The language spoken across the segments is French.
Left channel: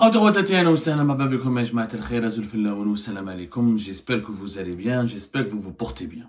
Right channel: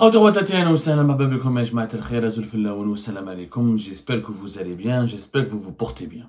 J'espère que vous allez bien, j'espère que vous vous portez bien.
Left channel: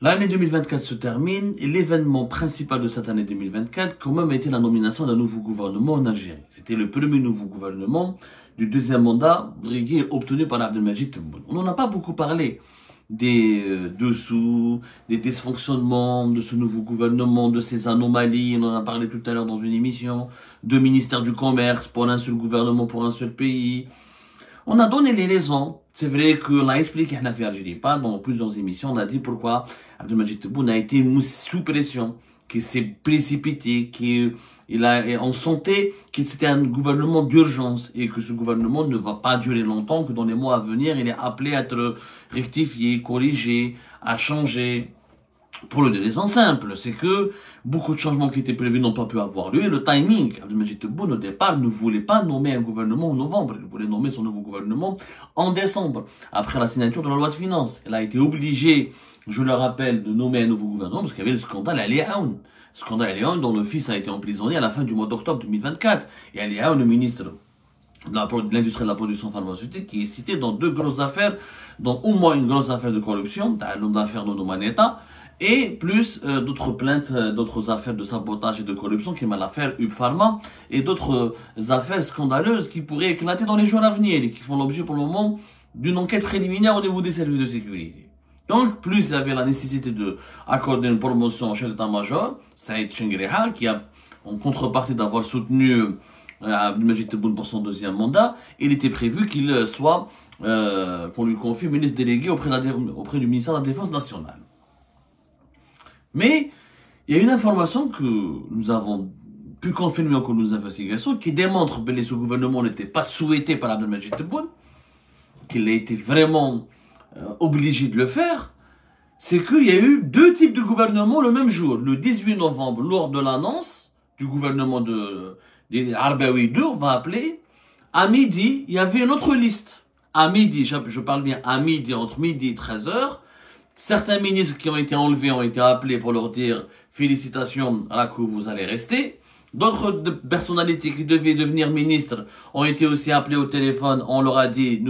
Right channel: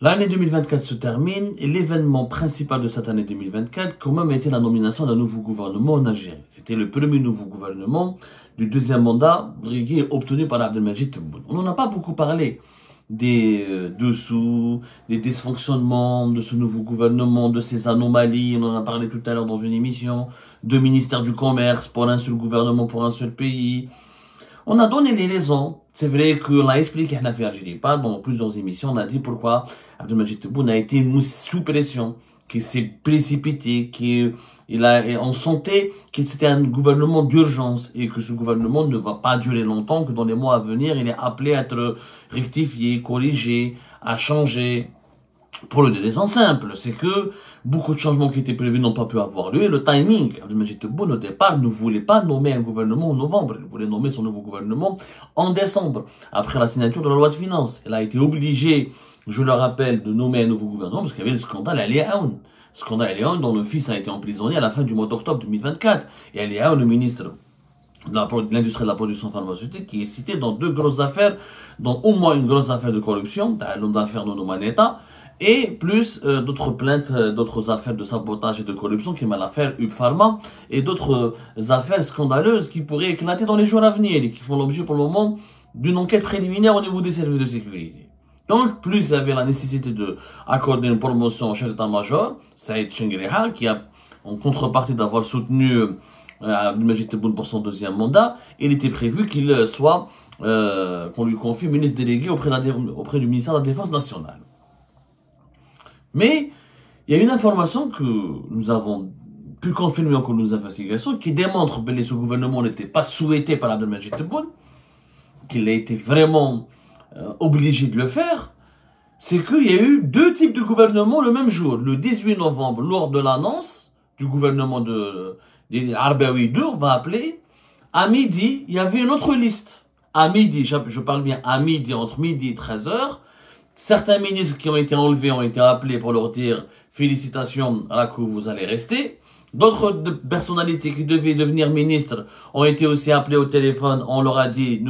L'année 2024 se termine et l'événement principal de cette année 2024 quand même a été la nomination d'un nouveau gouvernement en Algérie. C'était le premier nouveau gouvernement du deuxième mandat brigué obtenu par Abdelmadjid Tebboune. On n'en a pas beaucoup parlé des dessous, des dysfonctionnements de ce nouveau gouvernement, de ses anomalies. On en a parlé tout à l'heure dans une émission. Deux ministères du commerce pour un seul gouvernement, pour un seul pays. On a donné les raisons. C'est vrai qu'on a expliqué à Algérie, pas dans plusieurs émissions. On a dit pourquoi Abdelmadjid Tebboune a été sous pression, qu'il s'est précipité, on sentait que c'était un gouvernement d'urgence et que ce gouvernement ne va pas durer longtemps, que dans les mois à venir, il est appelé à être rectifié, corrigé, à changer. Pour le raison simple, c'est que beaucoup de changements qui étaient prévus n'ont pas pu avoir lieu. Et le timing, Abdelmadjid Tebboune au départ ne voulait pas nommer un gouvernement en novembre. Il voulait nommer son nouveau gouvernement en décembre, après la signature de la loi de finances. Il a été obligé, je le rappelle, de nommer un nouveau gouvernement parce qu'il y avait le scandale Ali Aoun. Scandale Ali Aoun dont le fils a été emprisonné à la fin du mois d'octobre 2024. Et Ali Aoun, le ministre de l'industrie de la production pharmaceutique, qui est cité dans deux grosses affaires, dont au moins une grosse affaire de corruption, l'affaire de Nomaneta, et plus d'autres plaintes, d'autres affaires de sabotage et de corruption, qui est l'affaire UP Pharma, et d'autres affaires scandaleuses qui pourraient éclater dans les jours à venir et qui font l'objet pour le moment d'une enquête préliminaire au niveau des services de sécurité. Donc, plus il y avait la nécessité d'accorder une promotion au chef d'état-major, Saïd Chengriha, qui a, en contrepartie d'avoir soutenu Abdelmadjid Tebboune pour son deuxième mandat, il était prévu qu'il soit, qu'on lui confie ministre délégué auprès du ministère de la Défense nationale. Mais il y a une information que nous avons pu confirmer en cours de nos investigations qui démontre que ce gouvernement n'était pas souhaité par Abdelmadjid Tebboune, qu'il a été vraiment obligé de le faire. C'est qu'il y a eu deux types de gouvernements le même jour. Le 18 novembre, lors de l'annonce du gouvernement des Arbaoui 2, on va appeler, à midi, il y avait une autre liste. À midi, je parle bien à midi, entre midi et 13h, certains ministres qui ont été enlevés ont été appelés pour leur dire félicitations à la cour, vous allez rester. D'autres personnalités qui devaient devenir ministres ont été aussi appelés au téléphone. On leur a dit,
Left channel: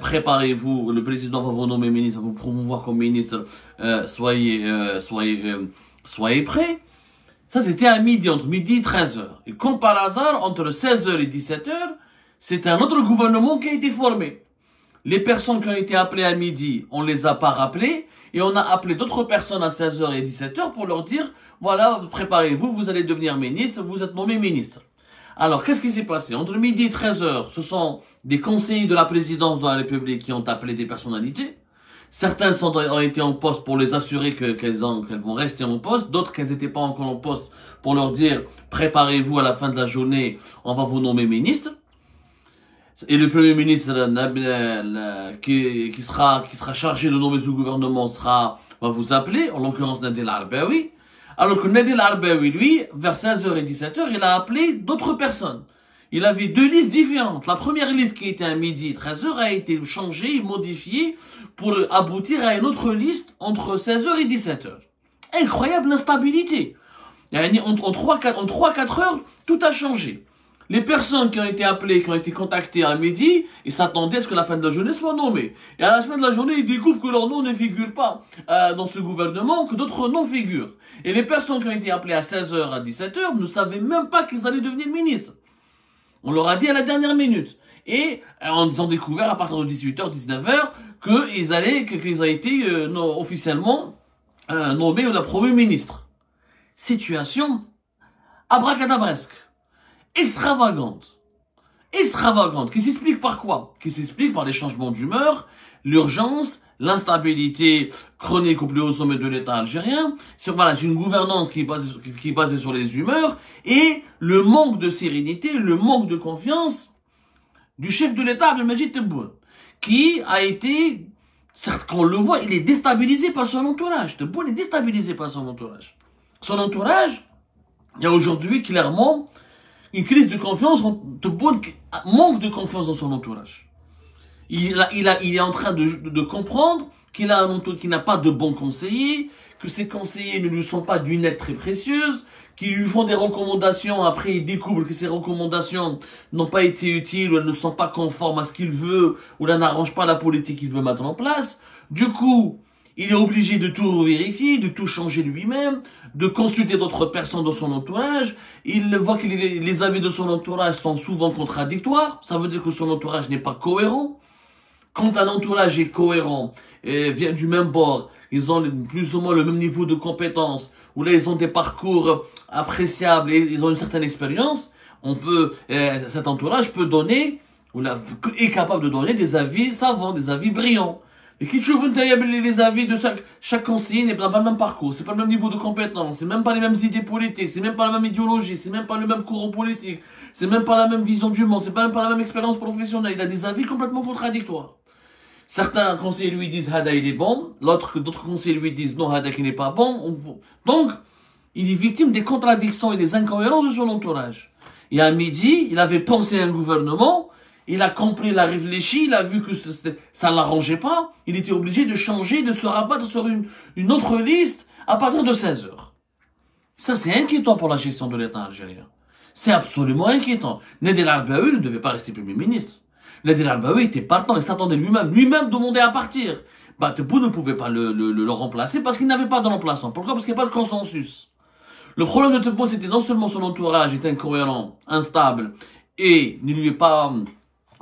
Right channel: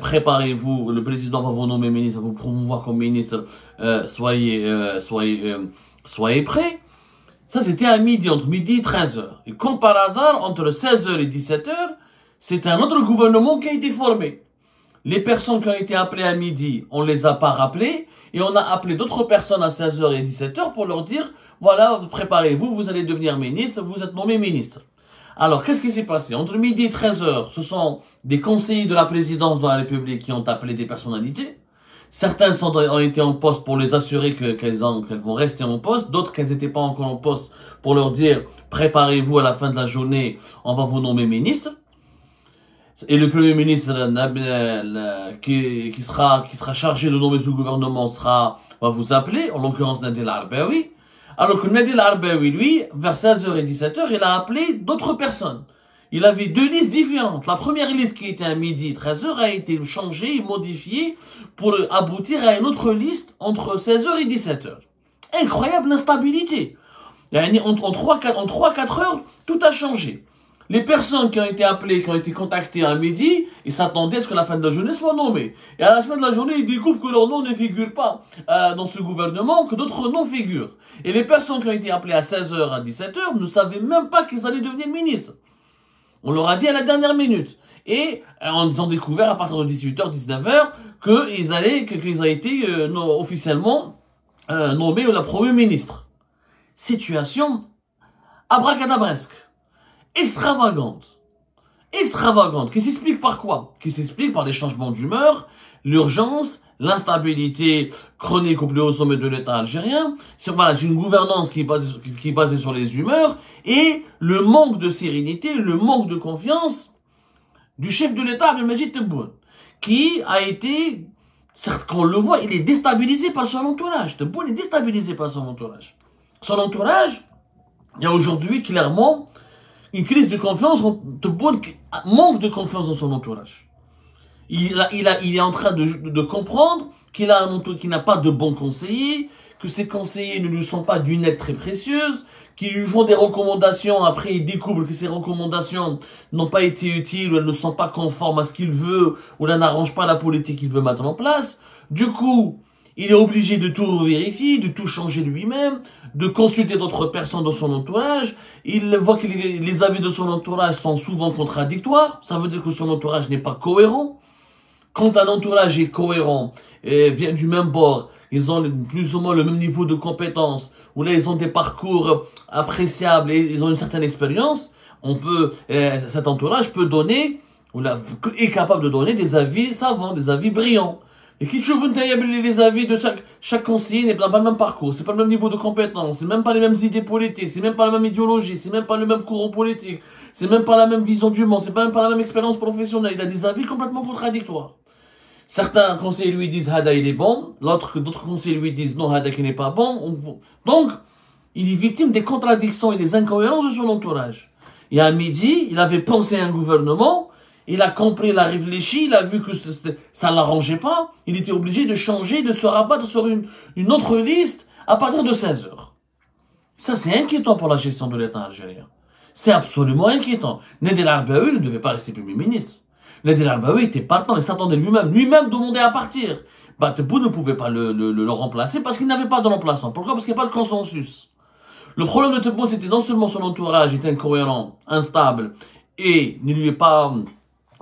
préparez-vous, le président va vous nommer ministre, va vous promouvoir comme ministre, soyez prêts. Ça, c'était à midi, entre midi et 13h. Et comme par hasard, entre 16h et 17h, c'est un autre gouvernement qui a été formé. Les personnes qui ont été appelées à midi, on les a pas rappelées. Et on a appelé d'autres personnes à 16h et 17h pour leur dire, voilà, préparez-vous, vous allez devenir ministre, vous êtes nommé ministre. Alors, qu'est-ce qui s'est passé? Entre midi et 13h, ce sont des conseillers de la présidence de la République qui ont appelé des personnalités. Certains ont été en poste pour les assurer qu'elles vont rester en poste. D'autres qu'elles n'étaient pas encore en poste pour leur dire, préparez-vous à la fin de la journée, on va vous nommer ministre. Et le premier ministre qui sera chargé de nommer ce gouvernement va vous appeler, en l'occurrence Nadel Arbaoui. Alors que Nadel Arbaoui, lui, vers 16h et 17h, il a appelé d'autres personnes. Il avait deux listes différentes. La première liste qui était à midi et 13h a été changée, modifiée pour aboutir à une autre liste entre 16h et 17h. Incroyable instabilité. En 3-4 heures, tout a changé. Les personnes qui ont été appelées, qui ont été contactées à midi, ils s'attendaient à ce que la fin de la journée soit nommée. Et à la fin de la journée, ils découvrent que leur nom ne figure pas dans ce gouvernement, que d'autres noms figurent. Et les personnes qui ont été appelées à 16h, à 17h, ne savaient même pas qu'ils allaient devenir ministres. On leur a dit à la dernière minute. Et ils ont découvert à partir de 18h, 19h, qu'ils ont été officiellement nommés au Premier ministre. Situation abracadabresque. Extravagante, qui s'explique par quoi? Qui s'explique par des changements d'humeur, l'urgence, l'instabilité chronique au plus haut sommet de l'État algérien, c'est une gouvernance qui est basée sur les humeurs, et le manque de sérénité, le manque de confiance du chef de l'État, Abdelmadjid Tebboune, qui a été, certes qu'on le voit, il est déstabilisé par son entourage. Tebboune est déstabilisé par son entourage. Son entourage, il y a aujourd'hui clairement une crise de confiance, Tebboune manque de confiance dans son entourage. Il est en train de comprendre qu'il n'a pas de bons conseillers, que ses conseillers ne lui sont pas d'une aide très précieuse, qui lui font des recommandations, après il découvre que ces recommandations n'ont pas été utiles, ou elles ne sont pas conformes à ce qu'il veut, ou elles n'arrangent pas la politique qu'il veut mettre en place. Du coup, il est obligé de tout vérifier, de tout changer lui-même, de consulter d'autres personnes dans son entourage. Il voit que les avis de son entourage sont souvent contradictoires. Ça veut dire que son entourage n'est pas cohérent. Quand un entourage est cohérent et vient du même bord, ils ont plus ou moins le même niveau de compétence, ou là ils ont des parcours appréciables et ils ont une certaine expérience, cet entourage peut donner, ou là, est capable de donner des avis savants, des avis brillants. Et qui trouve les avis de chaque conseiller n'est pas le même parcours, c'est pas le même niveau de compétence, c'est même pas les mêmes idées politiques, c'est même pas la même idéologie, c'est même pas le même courant politique, c'est même pas la même vision du monde, c'est même pas la même expérience professionnelle. Il a des avis complètement contradictoires. Certains conseillers lui disent Hada il est bon, d'autres conseillers lui disent non Hada qui n'est pas bon. Donc, il est victime des contradictions et des incohérences de son entourage. Et à midi, il avait pensé à un gouvernement. Il a compris, il a réfléchi, il a vu que ça ne l'arrangeait pas. Il était obligé de changer, de se rabattre sur une autre liste à partir de 16 heures. Ça, c'est inquiétant pour la gestion de l'État algérien. C'est absolument inquiétant. Nader El-Arbaoui ne devait pas rester Premier ministre. Nader El-Arbaoui était partant, il s'attendait lui-même demandait à partir. Tebboune ne pouvait pas le remplacer parce qu'il n'avait pas de remplaçant. Pourquoi? Parce qu'il n'y a pas de consensus. Le problème de Tebboune, c'était non seulement son entourage est incohérent, instable, et ne lui est pas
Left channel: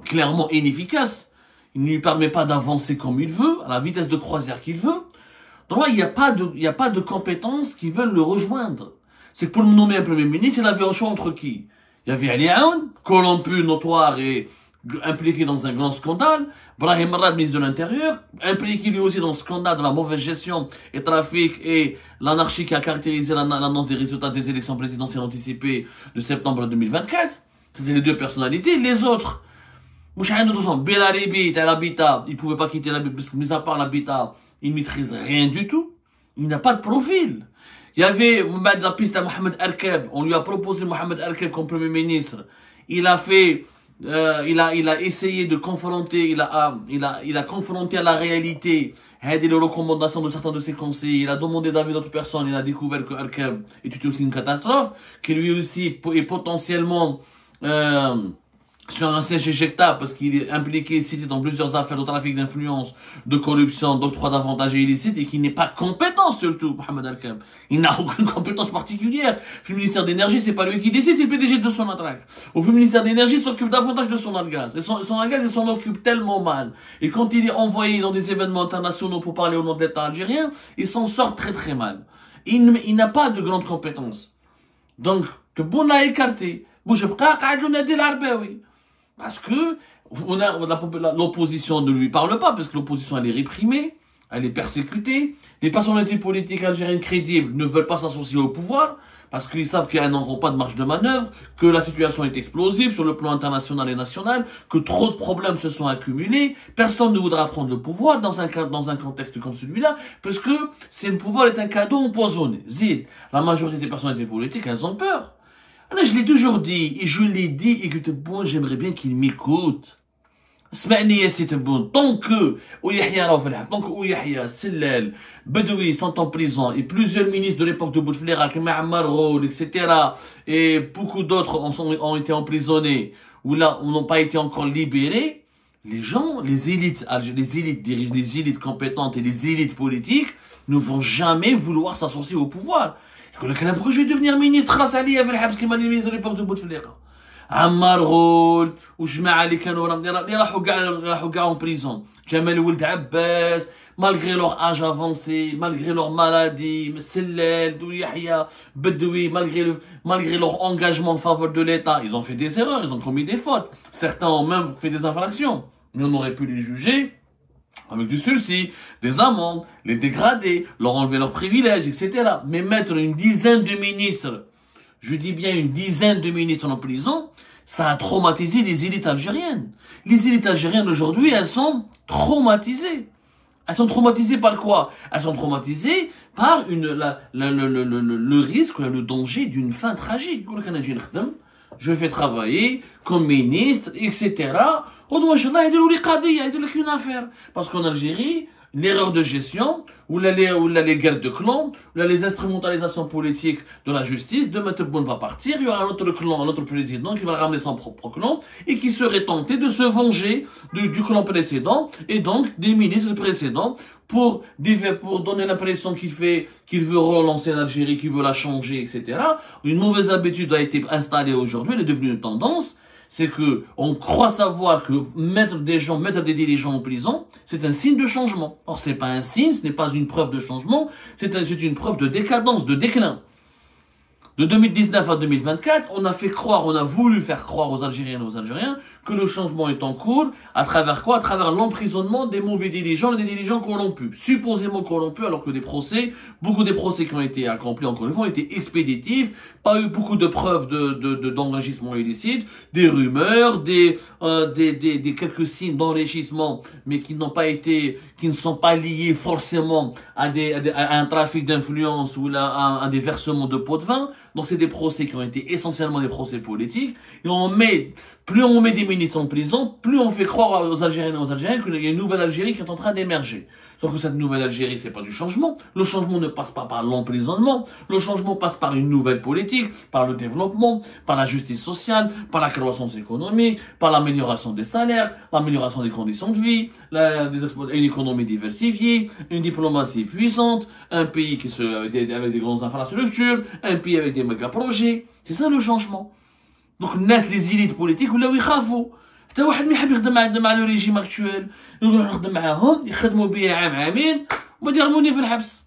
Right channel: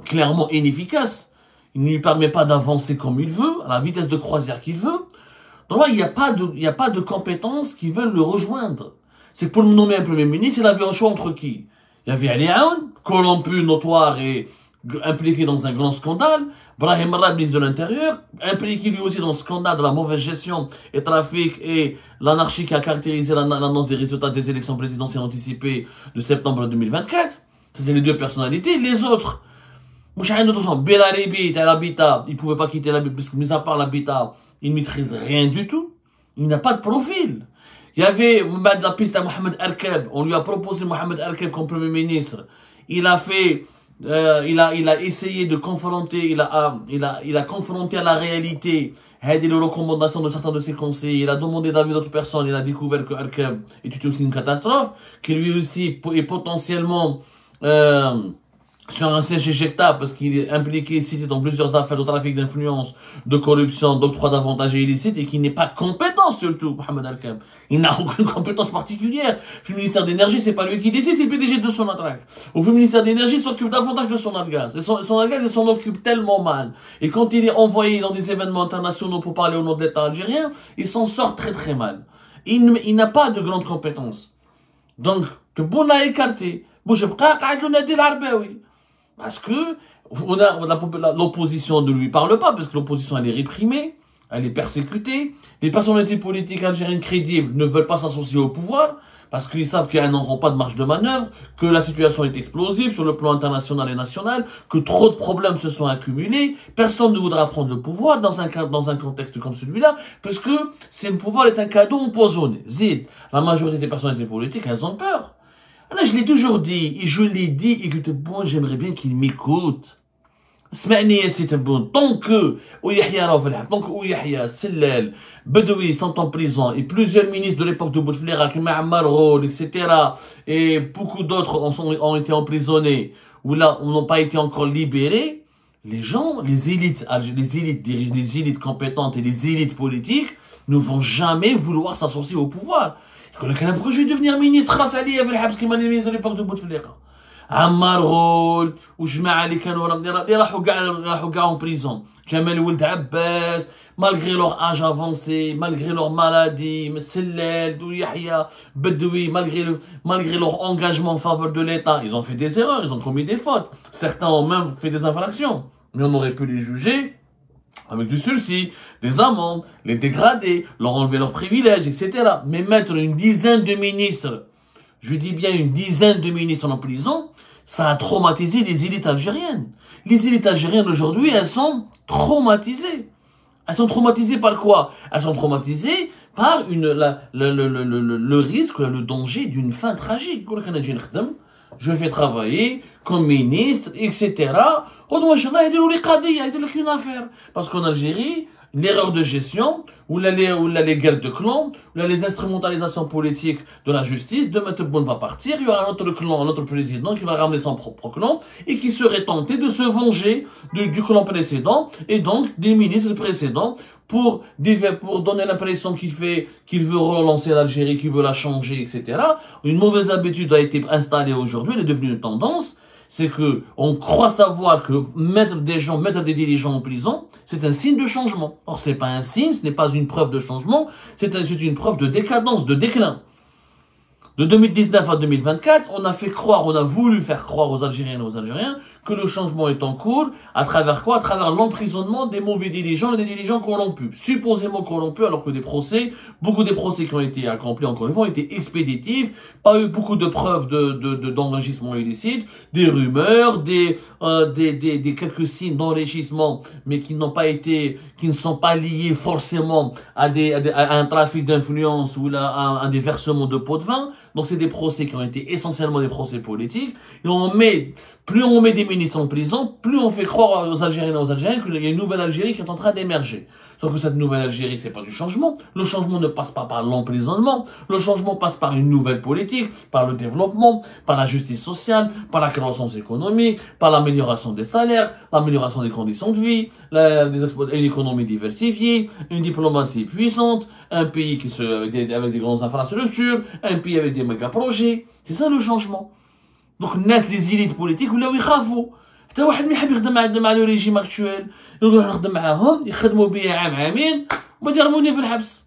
clairement inefficace, il ne lui permet pas d'avancer comme il veut, à la vitesse de croisière qu'il veut. Donc là, il n'y a pas de compétences qui veulent le rejoindre. C'est que pour le nommer un Premier ministre, il avait un choix entre qui? Il y avait Ali Aoun, corrompu, notoire et impliqué dans un grand scandale. Brahim Rad, ministre de l'Intérieur, impliqué lui aussi dans le scandale de la mauvaise gestion et trafic et l'anarchie qui a caractérisé l'annonce des résultats des élections présidentielles anticipées de septembre 2024. C'était les deux personnalités. Les autres, Belaribi, l'habitat, il ne pouvait pas quitter l'habitat, parce que, mis à part l'habitat, il ne maîtrise rien du tout. Il n'a pas de profil. Il y avait, la piste à Mohamed Erkeb, on lui a proposé Mohamed Erkeb comme Premier ministre. Il a fait, il a essayé de confronter, il a confronté à la réalité, les recommandations de certains de ses conseillers. Il a demandé d'avis d'autres personnes. Il a découvert que Erkeb était aussi une catastrophe, que lui aussi est potentiellement, sur un siège éjectable parce qu'il est impliqué, cité dans plusieurs affaires de trafic d'influence, de corruption, d'octroi d'avantages illicites et qui n'est pas compétent surtout, Mohamed Erkeb. Il n'a aucune compétence particulière. Le ministère d'énergie, c'est pas lui qui décide, c'est le PDG de son attraque. Au ministère d'énergie, s'occupe davantage de son gaz. Et son gaz, il s'en occupe tellement mal. Et quand il est envoyé dans des événements internationaux pour parler au nom de l'État algérien, il s'en sort très très mal. Il n'a pas de grandes compétences. Donc, Tebboune a écarté. Nader El-Arbaoui. Parce que l'opposition ne lui parle pas, parce que l'opposition elle est réprimée, elle est persécutée. Les personnalités politiques algériennes crédibles ne veulent pas s'associer au pouvoir, parce qu'ils savent qu'elles n'auront pas de marge de manœuvre, que la situation est explosive sur le plan international et national, que trop de problèmes se sont accumulés. Personne ne voudra prendre le pouvoir dans un contexte comme celui-là, parce que le pouvoir est un cadeau empoisonné. La majorité des personnalités politiques, elles ont peur. Là, je l'ai toujours dit, et je l'ai dit, et que Tebboune, j'aimerais bien qu'il m'écoute. Sma'ni, c'est Tebboune. Tant que Yahya, Sellel, Bedoui sont en prison, et plusieurs ministres de l'époque de Bouteflika, comme Ammar Rod, etc., et beaucoup d'autres ont été emprisonnés, ou là, on n'ont pas été encore libérés, les gens, les élites compétentes et les élites politiques ne vont jamais vouloir s'associer au pouvoir. Pourquoi je vais devenir ministre grâce à l'IA parce qu'il m'a mis à l'époque de Bouteflika. Ammar Ghoul, ou Jma'a li kanu راحوا en prison. Jamel Ould Abbas, malgré leur âge avancé, malgré leur maladie, Sellel, Yahya, Bedoui, malgré leur engagement en faveur de l'État, ils ont fait des erreurs, ils ont commis des fautes. Certains ont même fait des infractions. Mais on aurait pu les juger avec du sursis, des amendes, les dégrader, leur enlever leurs privilèges, etc. Mais mettre une dizaine de ministres, je dis bien une dizaine de ministres en prison, ça a traumatisé les élites algériennes. Les élites algériennes aujourd'hui, elles sont traumatisées. Elles sont traumatisées par quoi? Elles sont traumatisées par le risque, le danger d'une fin tragique. Je vais travailler comme ministre, etc. Parce qu'en Algérie, l'erreur de gestion, ou les guerres de clans, ou les instrumentalisations politiques de la justice. Demain, Tebboune va partir, il y aura un autre clan, un autre président qui va ramener son propre clan et qui serait tenté de se venger du clan précédent et donc des ministres précédents pour donner l'impression qu'il veut relancer l'Algérie, qu'il veut la changer, etc. Une mauvaise habitude a été installée aujourd'hui, elle est devenue une tendance. C'est que on croit savoir que mettre des dirigeants en prison, c'est un signe de changement. Or, c'est pas un signe, ce n'est pas une preuve de changement, c'est une preuve de décadence, de déclin. De 2019 à 2024, on a voulu faire croire aux Algériennes et aux Algériens que le changement est en cours, à travers quoi? À travers l'emprisonnement des mauvais dirigeants et des dirigeants corrompus. Supposément corrompus, alors que beaucoup des procès qui ont été accomplis, encore une fois, ont été expéditifs, pas eu beaucoup de preuves d'enrichissement illicite, des rumeurs, des quelques signes d'enrichissement, mais qui ne sont pas liés forcément à un trafic d'influence ou à des versements de pots de vin. Donc c'est des procès qui ont été essentiellement des procès politiques. Et plus on met des ministres en prison, plus on fait croire aux Algériens et aux Algériens qu'il y a une nouvelle Algérie qui est en train d'émerger. Sauf que cette nouvelle Algérie, c'est pas du changement. Le changement ne passe pas par l'emprisonnement. Le changement passe par une nouvelle politique, par le développement, par la justice sociale, par la croissance économique, par l'amélioration des salaires, l'amélioration des conditions de vie, une économie diversifiée, une diplomatie puissante, un pays avec des grandes infrastructures, un pays avec des méga projets. C'est ça le changement. Donc, naissent les élites politiques, ou là où ils خافوا. حتى واحد ما يحب يخدم مع le régime actuel. يروح يخدم معاهم يخدموا بيا عامين وما يرموني في الحبس.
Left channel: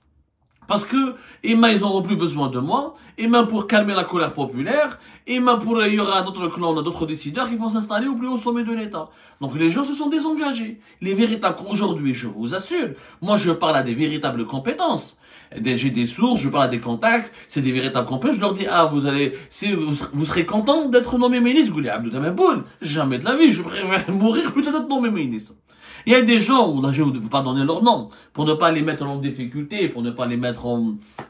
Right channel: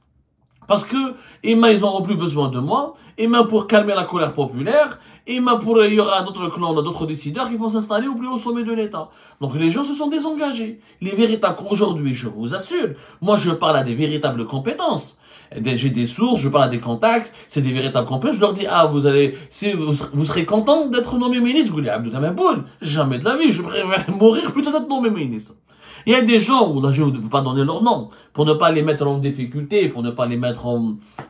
Parce que, ils n'auront plus besoin de moi, pour calmer la colère populaire, il y aura d'autres clans, d'autres décideurs qui vont s'installer au plus haut sommet de l'État. Donc les gens se sont désengagés. Les véritables, aujourd'hui, je vous assure, moi je parle à des véritables compétences. J'ai des sources, je parle à des contacts, c'est des véritables compétences. Je leur dis, vous serez content d'être nommé ministre. Vous dites, Abdou Tamaboul, jamais de la vie, je préfère mourir plutôt d'être nommé ministre. Il y a des gens, là je ne veux pas donner leur nom, pour ne pas les mettre en difficulté, pour ne pas les mettre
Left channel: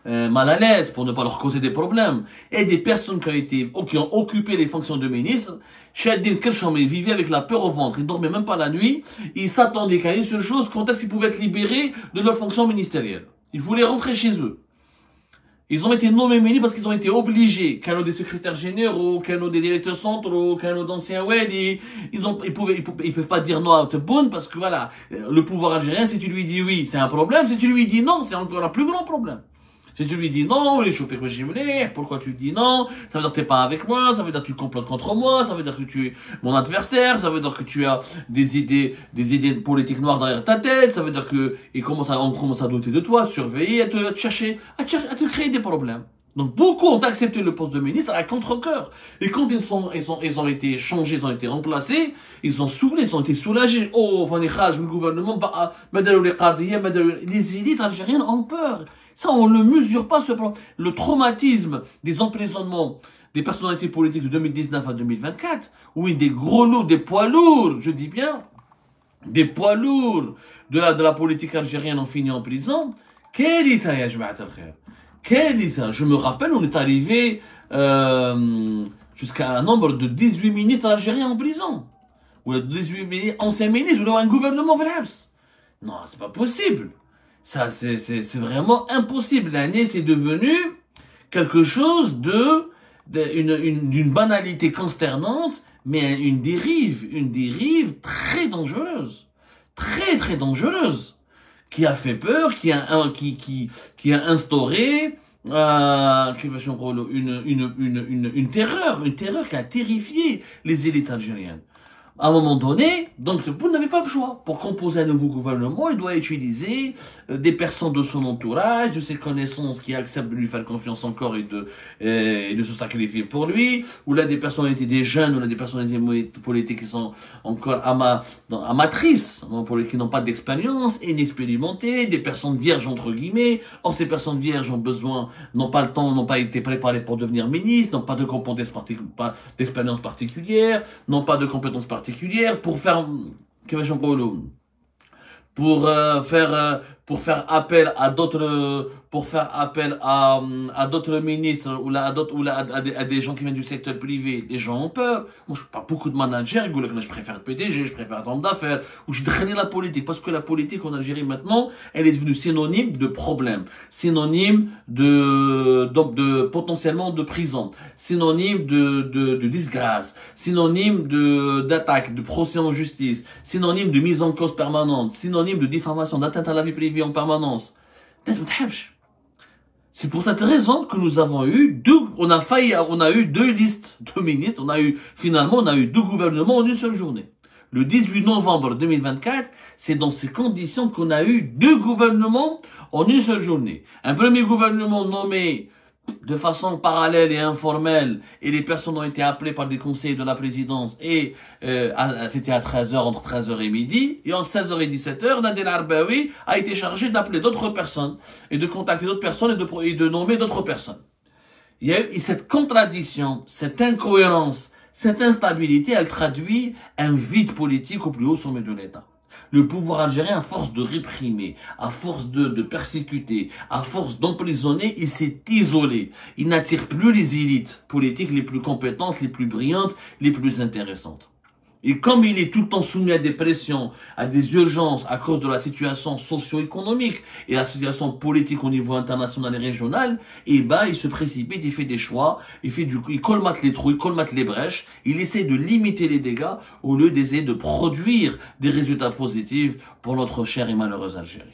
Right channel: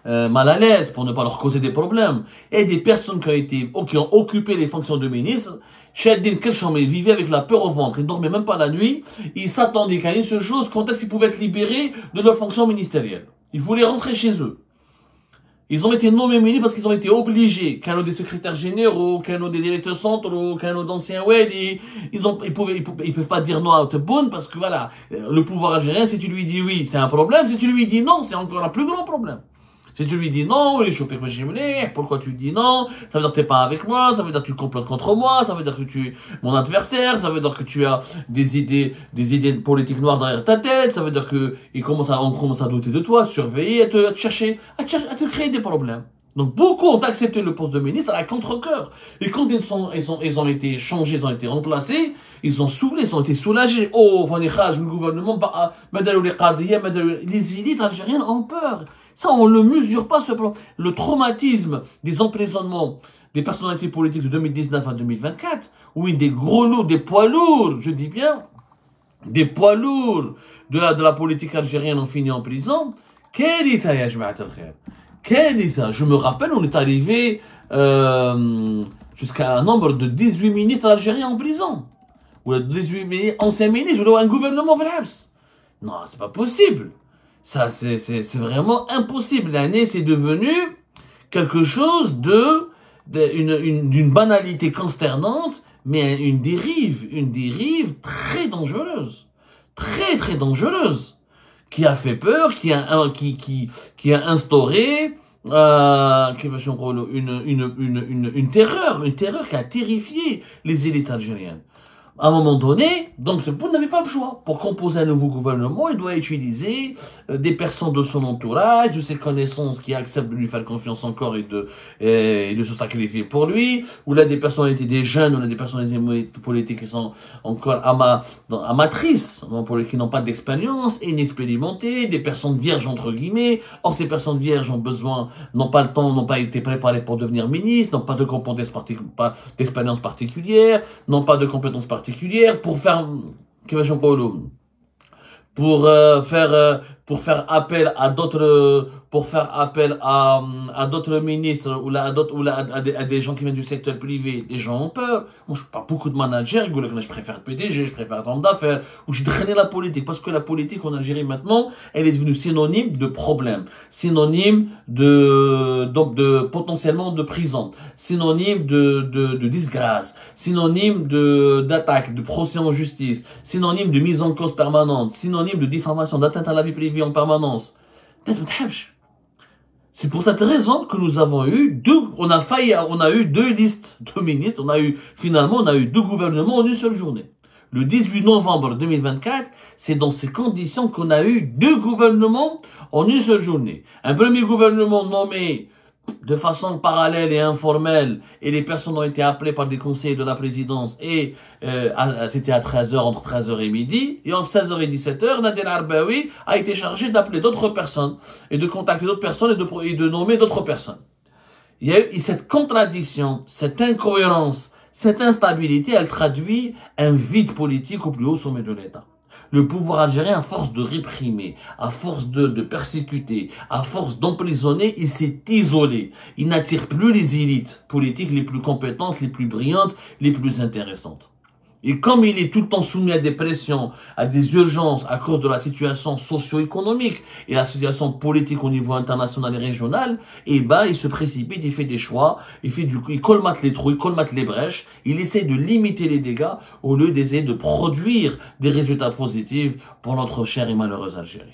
mal à l'aise, pour ne pas leur causer des problèmes. Il y a des personnes qui ont occupé les fonctions de ministre, Cheddin Kelcham, ils vivaient avec la peur au ventre, ils ne dormaient même pas la nuit, ils s'attendaient qu'à une seule chose, quand est-ce qu'ils pouvaient être libérés de leur fonction ministérielle. Ils voulaient rentrer chez eux. Ils ont été nommés ministres parce qu'ils ont été obligés, qu'un des secrétaires généraux, qu'un des directeurs centraux, qu'un d'anciens wali, ils peuvent pas dire non à Tebboune parce que voilà, le pouvoir algérien, si tu lui dis oui, c'est un problème, si tu lui dis non, c'est encore un plus grand problème. Si tu lui dis non, il est chauffé que j'ai mené, pourquoi tu dis non? Ça veut dire que t'es pas avec moi, ça veut dire que tu complotes contre moi, ça veut dire que tu es mon adversaire, ça veut dire que tu as des idées politiques noires derrière ta tête, ça veut dire que on commence à douter de toi, surveiller, à te chercher, à te créer des problèmes. Donc beaucoup ont accepté le poste de ministre à contre-cœur. Et quand ils ont été changés, ils ont été remplacés, ils ont soufflé, ils ont été soulagés. Oh, le gouvernement, les élites algériennes ont peur. Ça, on ne mesure pas le traumatisme des emprisonnements des personnalités politiques de 2019 à 2024, où des gros lourds, des poids lourds, je dis bien, des poids lourds de la politique algérienne ont fini en prison. Quel état, ya jama'at al-khair. Quel état. Je me rappelle, on est arrivé jusqu'à un nombre de 18 ministres algériens en prison. Ou 18 anciens ministres, ou un gouvernement vrabs. Non, c'est pas possible. Ça, c'est vraiment impossible. L'année, c'est devenu quelque chose d'une banalité consternante, mais une dérive très dangereuse. Très, très dangereuse. Qui a fait peur, qui a instauré, une terreur qui a terrifié les élites algériennes. À un moment donné, donc Tebboune n'avait pas le choix. Pour composer un nouveau gouvernement, il doit utiliser des personnes de son entourage, de ses connaissances qui acceptent de lui faire confiance encore et de se sacrifier pour lui, ou là des personnalités des jeunes, ou là des personnalités politiques qui sont encore amatrices, qui n'ont pas d'expérience, inexpérimentées, des personnes vierges entre guillemets. Or ces personnes vierges n'ont pas le temps, n'ont pas été préparées pour devenir ministres, n'ont pas de compétences d'expérience particulière, n'ont pas de compétences particulières pour faire pour faire appel à d'autres d'autres ministres à des gens qui viennent du secteur privé. Les gens ont peur. Moi, je parle beaucoup de managers, ils disent que je préfère le PDG, je préfère l'homme d'affaires, ou je draine la politique, parce que la politique en Algérie maintenant, elle est devenue synonyme de problème, synonyme de potentiellement de prison, synonyme de disgrâce, synonyme d'attaque, de procès en justice, synonyme de mise en cause permanente, synonyme de diffamation, d'atteinte à la vie privée en permanence. C'est pour cette raison que nous avons eu on a eu deux listes de ministres, finalement on a eu deux gouvernements en une seule journée. Le 18 novembre 2024, c'est dans ces conditions qu'on a eu deux gouvernements en une seule journée. Un premier gouvernement nommé de façon parallèle et informelle, et les personnes ont été appelées par des conseillers de la présidence, et c'était à 13h, entre 13h et midi, et entre 16h et 17h, Nadir Arbaoui a été chargé d'appeler d'autres personnes, et de contacter d'autres personnes, et de nommer d'autres personnes. Il y a eu cette contradiction, cette incohérence, cette instabilité, elle traduit un vide politique au plus haut sommet de l'État. Le pouvoir algérien, à force de réprimer, à force de persécuter, à force d'emprisonner, il s'est isolé. Il n'attire plus les élites politiques les plus compétentes, les plus brillantes, les plus intéressantes. Et comme il est tout le temps soumis à des pressions, à des urgences à cause de la situation socio-économique et la situation politique au niveau international et régional, il se précipite, il fait des choix, il colmate les trous, il colmate les brèches, il essaie de limiter les dégâts au lieu d'essayer de produire des résultats positifs pour notre chère et malheureuse Algérie.